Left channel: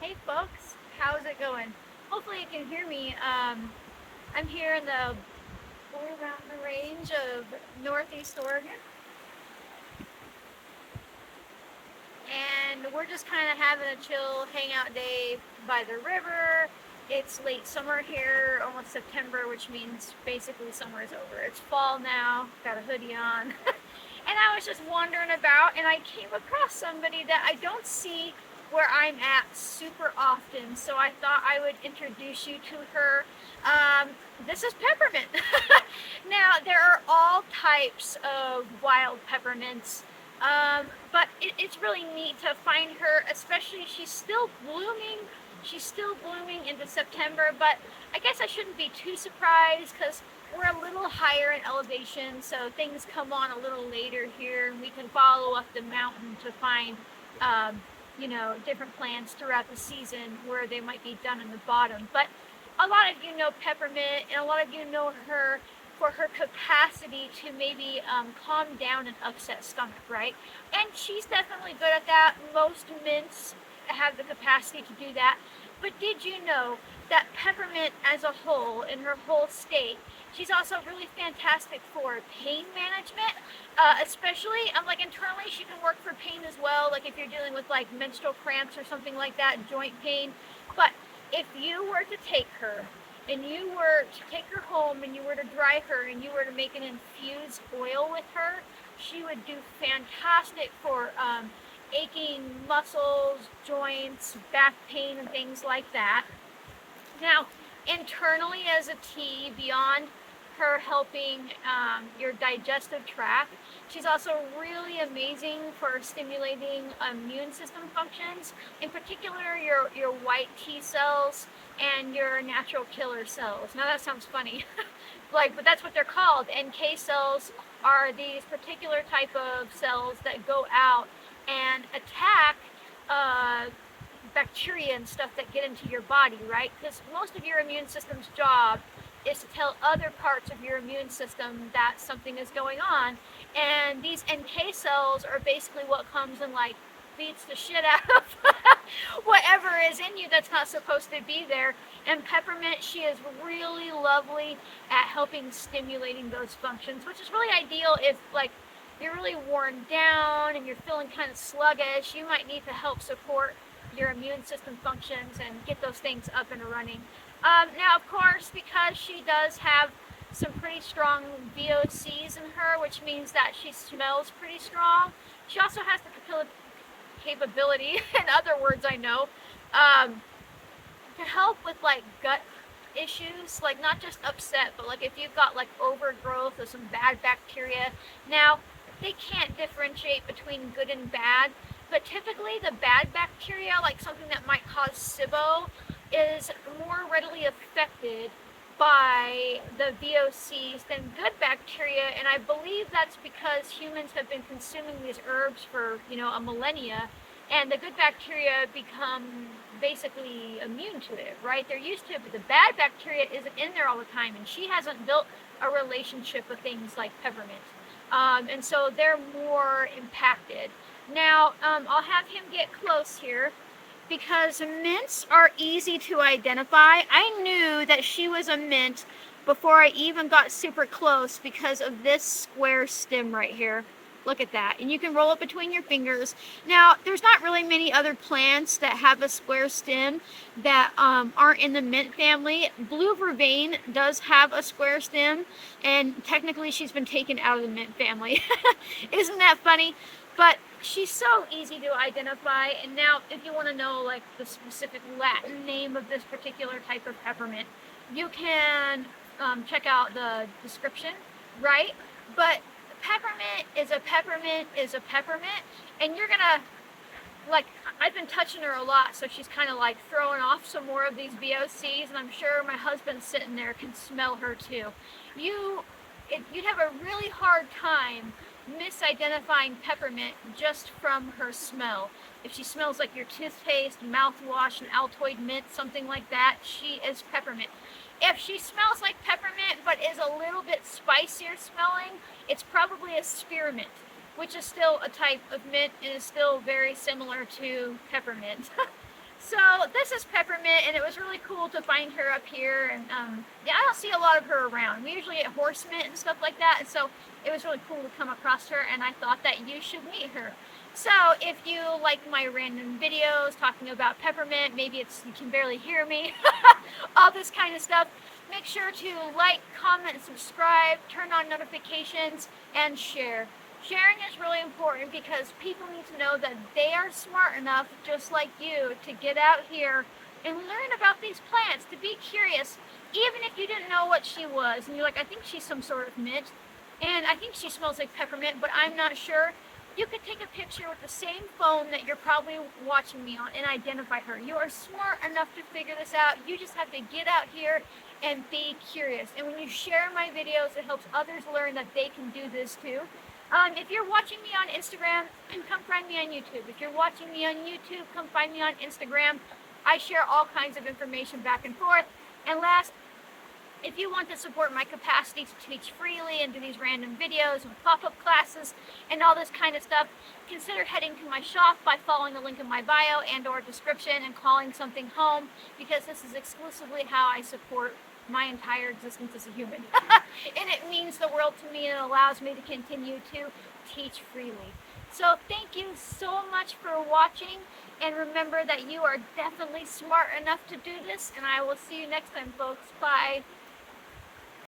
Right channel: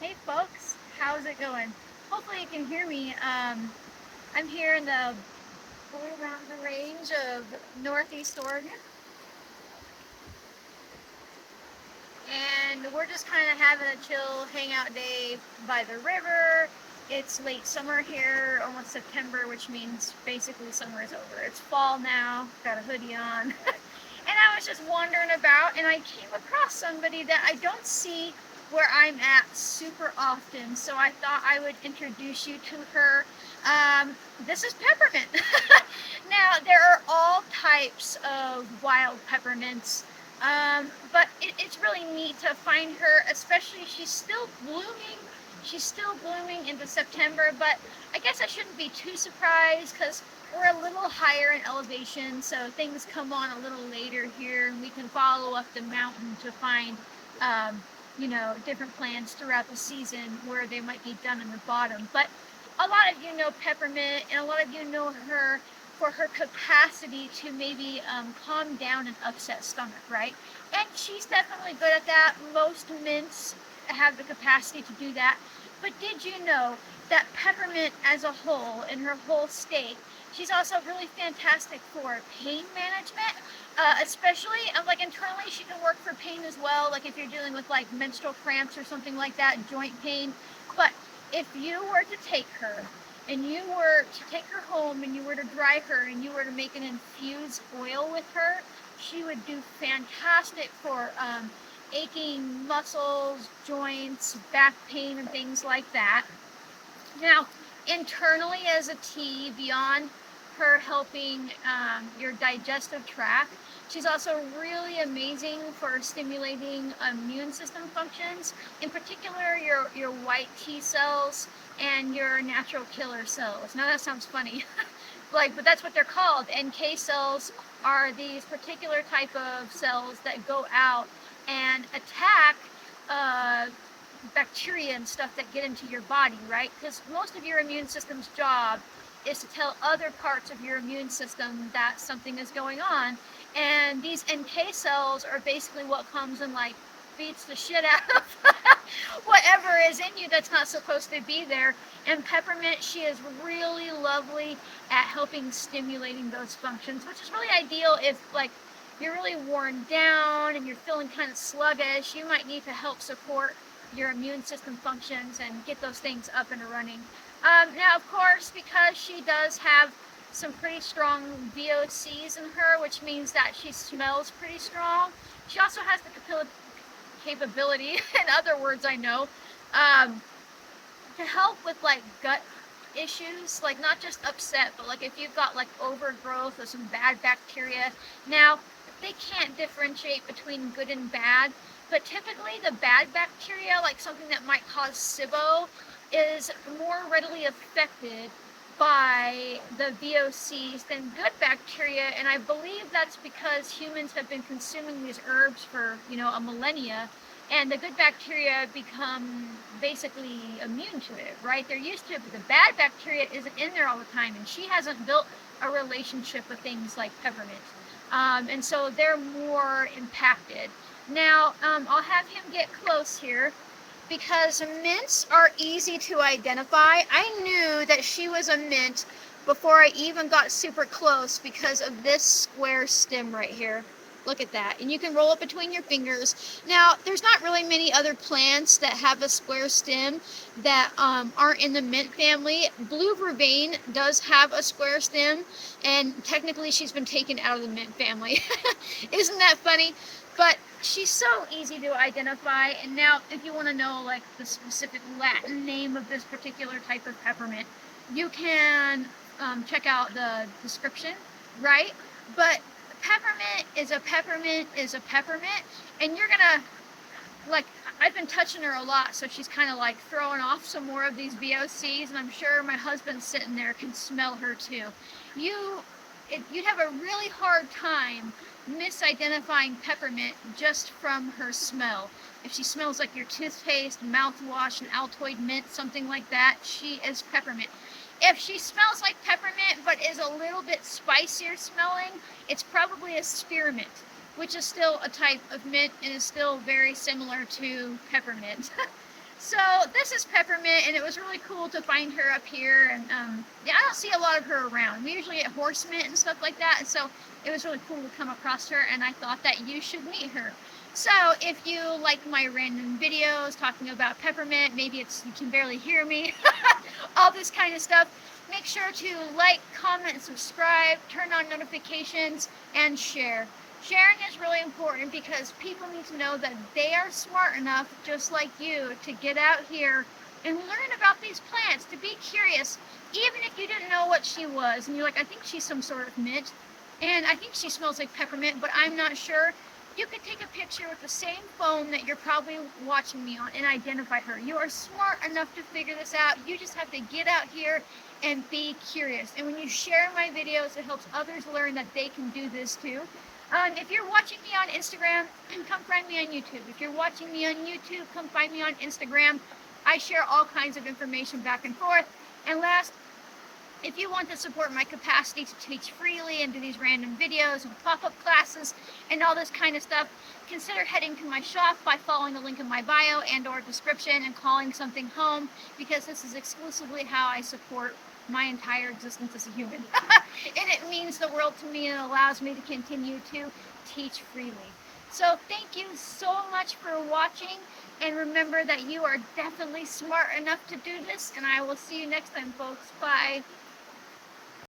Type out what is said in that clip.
Hey folks, how's it going? Hopefully you can hear me. I'm here in the Blue Mountain Range of Northeast Oregon, and we're just kind of having a chill hangout day by the river. It's late summer here, almost September, which means basically summer is over. It's fall now, got a hoodie on. And I was just wandering about and I came across somebody that I don't see where I'm at super often. So I thought I would introduce you to her. Um, this is peppermint. Now, there are all types of wild peppermints, but it's really neat to find her, especially she's still blooming. She's still blooming into September, but I guess I shouldn't be too surprised because we're a little higher in elevation, so things come on a little later here, and we can follow up the mountain to find, um, different plants throughout the season where they might be done in the bottom. But a lot of you know peppermint, and a lot of you know her for her capacity to maybe calm down an upset stomach, right? And she's definitely good at that. Most mints have the capacity to do that. But did you know that peppermint as a whole, in her whole state, she's also really fantastic for pain management, especially like internally. She can work for pain as well, like if you're dealing with like menstrual cramps or something like that, joint pain. But if you were to take her and you were to take her home and you were to dry her and you were to make an infused oil with her, she would do fantastic for aching muscles, joints, back pain, and things like that. Now, internally as a tea, beyond her helping your digestive tract, she's also really amazing for stimulating immune system functions, in particular your white T cells and your natural killer cells. Now that sounds funny, but that's what they're called. NK cells are these particular type of cells that go out and attack uh, bacteria and stuff that get into your body, right? Because most of your immune system's job is to tell other parts of your immune system that something is going on. And these NK cells are basically what comes and like beats the shit out of whatever is in you that's not supposed to be there. And peppermint, she is really lovely at helping stimulating those functions, which is really ideal if like you're really worn down and you're feeling kind of sluggish. You might need to help support your immune system functions and get those things up and running. Now, of course, because she does have some pretty strong VOCs in her, which means that she smells pretty strong. She also has the capability, in other words, I know, um, to help with like gut issues, like not just upset, but like if you've got like overgrowth or some bad bacteria. Now, they can't differentiate between good and bad, but typically the bad bacteria, like something that might cause SIBO, is more readily affected by the VOCs than good bacteria, and I believe that's because humans have been consuming these herbs for, a millennia, and the good bacteria become basically immune to it, right? They're used to it, but the bad bacteria isn't in there all the time, and she hasn't built a relationship with things like peppermint. And so they're more impacted. Now, I'll have him get close here because mints are easy to identify. I knew that she was a mint before I even got super close because of this square stem right here. Look at that. And you can roll it between your fingers. Now, there's not really many other plants that have a square stem that aren't in the mint family. Blue vervain does have a square stem, and technically she's been taken out of the mint family. Isn't that funny? But she's so easy to identify. And now, if you want to know like the specific Latin name of this particular type of peppermint, you can check out the description, right? But peppermint is a peppermint is a peppermint, and you're gonna like. I've been touching her a lot, so she's kind of like throwing off some more of these VOCs, and I'm sure my husband sitting there can smell her too. You, you'd have a really hard time misidentifying peppermint just from her smell. If she smells like your toothpaste, mouthwash, and Altoid mint, something like that, she is peppermint. If she smells like peppermint but is a little bit spicier smelling, it's probably a spearmint, which is still a type of mint and is still very similar to peppermint. So this is Peppermint, and it was really cool to find her up here. And yeah, I don't see a lot of her around. We usually get horse mint and stuff like that. And so it was really cool to come across her, and I thought that you should meet her. So if you like my random videos talking about peppermint, maybe it's you can barely hear me, all this kind of stuff, make sure to like, comment, subscribe, turn on notifications, and share. Sharing is really important because people need to know that they are smart enough, just like you, to get out here and learn about these plants, to be curious, even if you didn't know what she was. And you're like, I think she's some sort of mint, and I think she smells like peppermint, but I'm not sure. You could take a picture with the same phone that you're probably watching me on and identify her. You are smart enough to figure this out. You just have to get out here and be curious. And when you share my videos, it helps others learn that they can do this too. If you're watching me on Instagram, come find me on YouTube. If you're watching me on YouTube, come find me on Instagram. I share all kinds of information back and forth. And last, if you want to support my capacity to teach freely and do these random videos and pop-up classes and all this kind of stuff, consider heading to my shop by following the link in my bio and or description and calling something home, because this is exclusively how I support my entire existence as a human. And it means the world to me, and it allows me to continue to teach freely. So thank you so much for watching, and remember that you are definitely smart enough to do this, and I will see you next time, folks. Bye.